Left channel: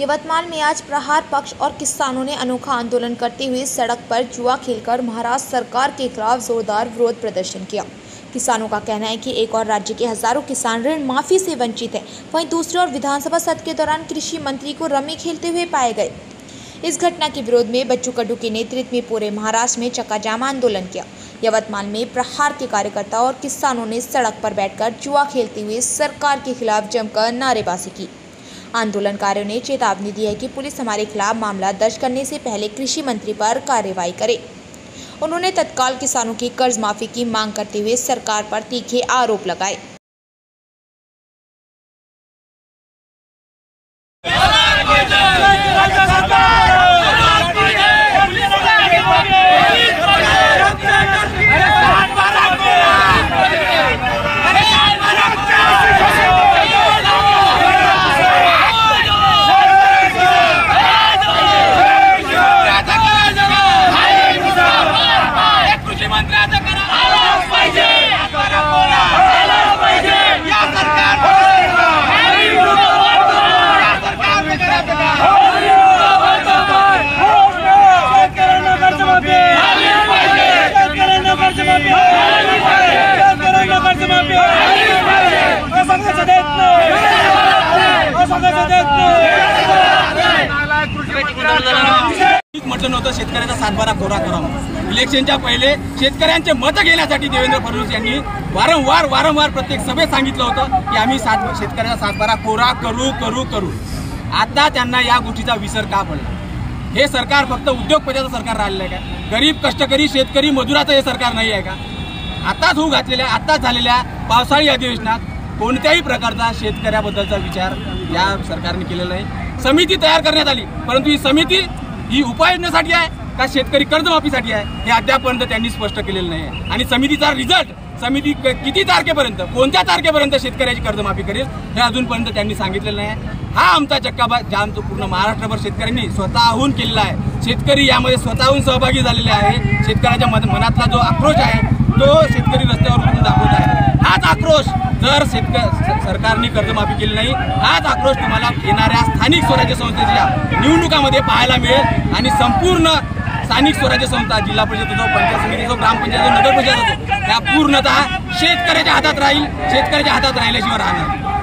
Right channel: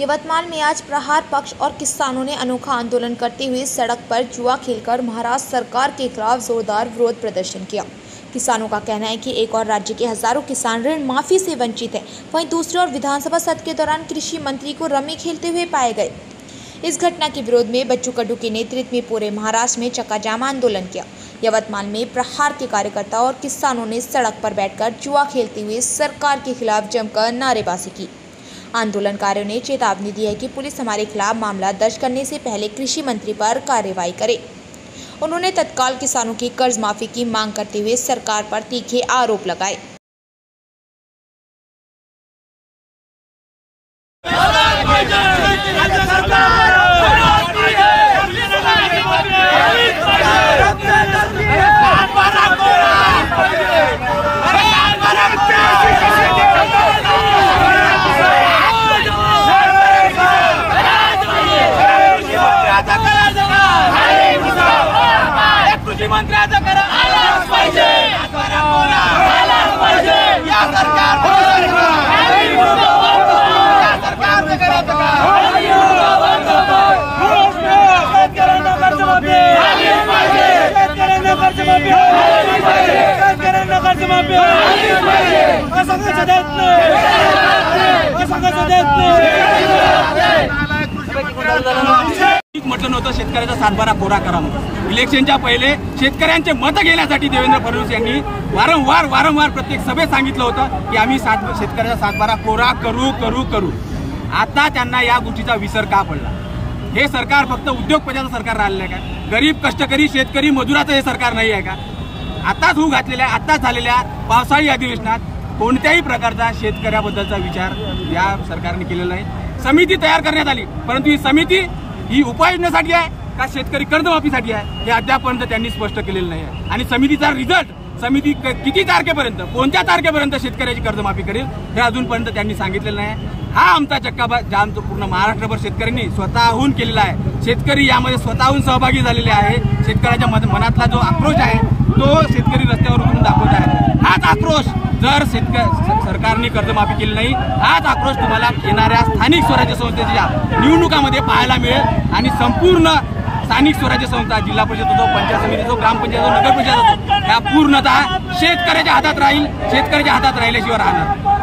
यवतमाल में आज प्रहार पक्ष और किसानों ने अनोखा आंदोलन करते हुए सड़क पर जुआ खेलकर महाराष्ट्र सरकार के खिलाफ जोरदार विरोध प्रदर्शन किया। किसानों का कहना है कि एक और राज्य के हजारों किसान ऋण माफी से वंचित हैं, वहीं दूसरी ओर विधानसभा सत्र के दौरान कृषि मंत्री को रमी खेलते हुए पाए गए। इस घटना के विरोध में बच्चू कडू के नेतृत्व में पूरे महाराष्ट्र में चक्का-जाम आंदोलन किया। यवतमाल में प्रहार के कार्यकर्ताओं और किसानों ने सड़क पर बैठकर जुआ खेलते हुए सरकार के खिलाफ जमकर नारेबाजी की। आंदोलनकारियों ने चेतावनी दी है कि पुलिस हमारे खिलाफ मामला दर्ज करने से पहले कृषि मंत्री पर कार्रवाई करे। उन्होंने तत्काल किसानों की कर्ज माफी की मांग करते हुए सरकार पर तीखे आरोप लगाए। कृषी मंत्र्याचं करा आलाच पाहिजे, आलाच पाहिजे या सरकार म्हटलं नव्हतं शेतकऱ्याचा सातबारा कोरा करा म्हणून। इलेक्शनच्या पहिले शेतकऱ्यांचे मत घेण्यासाठी देवेंद्र फडणवीस यांनी वारंवार प्रत्येक सभेत सांगितलं होतं की आम्ही शेतकऱ्याचा सातबारा कोरा करू। आता त्यांना या गोष्टीचा विसर का पडला? हे सरकार फक्त उद्योगपतीचं सरकार राहिलेलं आहे का? गरीब कष्टकरी शेतकरी मजुराचं हे सरकार नाही आहे का? आताच होऊ घातलेल्या आताच झालेल्या पावसाळी अधिवेशनात कोणत्याही प्रकारचा शेतकऱ्याबद्दलचा विचार या सरकारने केलेला नाही। समिती तयार करण्यात आली, परंतु ही समिती ही उपाययोजनेसाठी आहे का शेतकरी कर्जमाफीसाठी आहे हे अद्यापर्यंत त्यांनी स्पष्ट केलेलं नाही आहे। आणि समितीचा रिझल्ट समिती किती तारखेपर्यंत कोणत्या तारखेपर्यंत शेतकऱ्याची कर्जमाफी करेल हे अजूनपर्यंत त्यांनी सांगितलेलं नाही। हा आमचा चक्काजाम तो पूर्ण महाराष्ट्रभर शेतकऱ्यांनी स्वतःहून केलेला आहे। शेतकरी यामध्ये स्वतःहून सहभागी झालेले आहे। शेतकऱ्याच्या मनातला जो आक्रोश आहे तो शेतकरी रस्त्यावर उतरून दाखवत आहे। हाच आक्रोश जर सरकारने कर्जमाफी केली नाही, हाच आक्रोश तुम्हाला येणाऱ्या स्थानिक स्वराज्य संस्थेच्या निवडणुकामध्ये पाहायला मिळेल। आणि संपूर्ण स्थानिक स्वराज्य संस्था जिल्हा परिषद असो, पंचायत समिती असो, ग्रामपंचायत असो, नगर परिषद असो, या पूर्णतः शेतकऱ्याच्या हातात राहील, शेतकऱ्याच्या हातात राहिल्याशिवाय राहणार।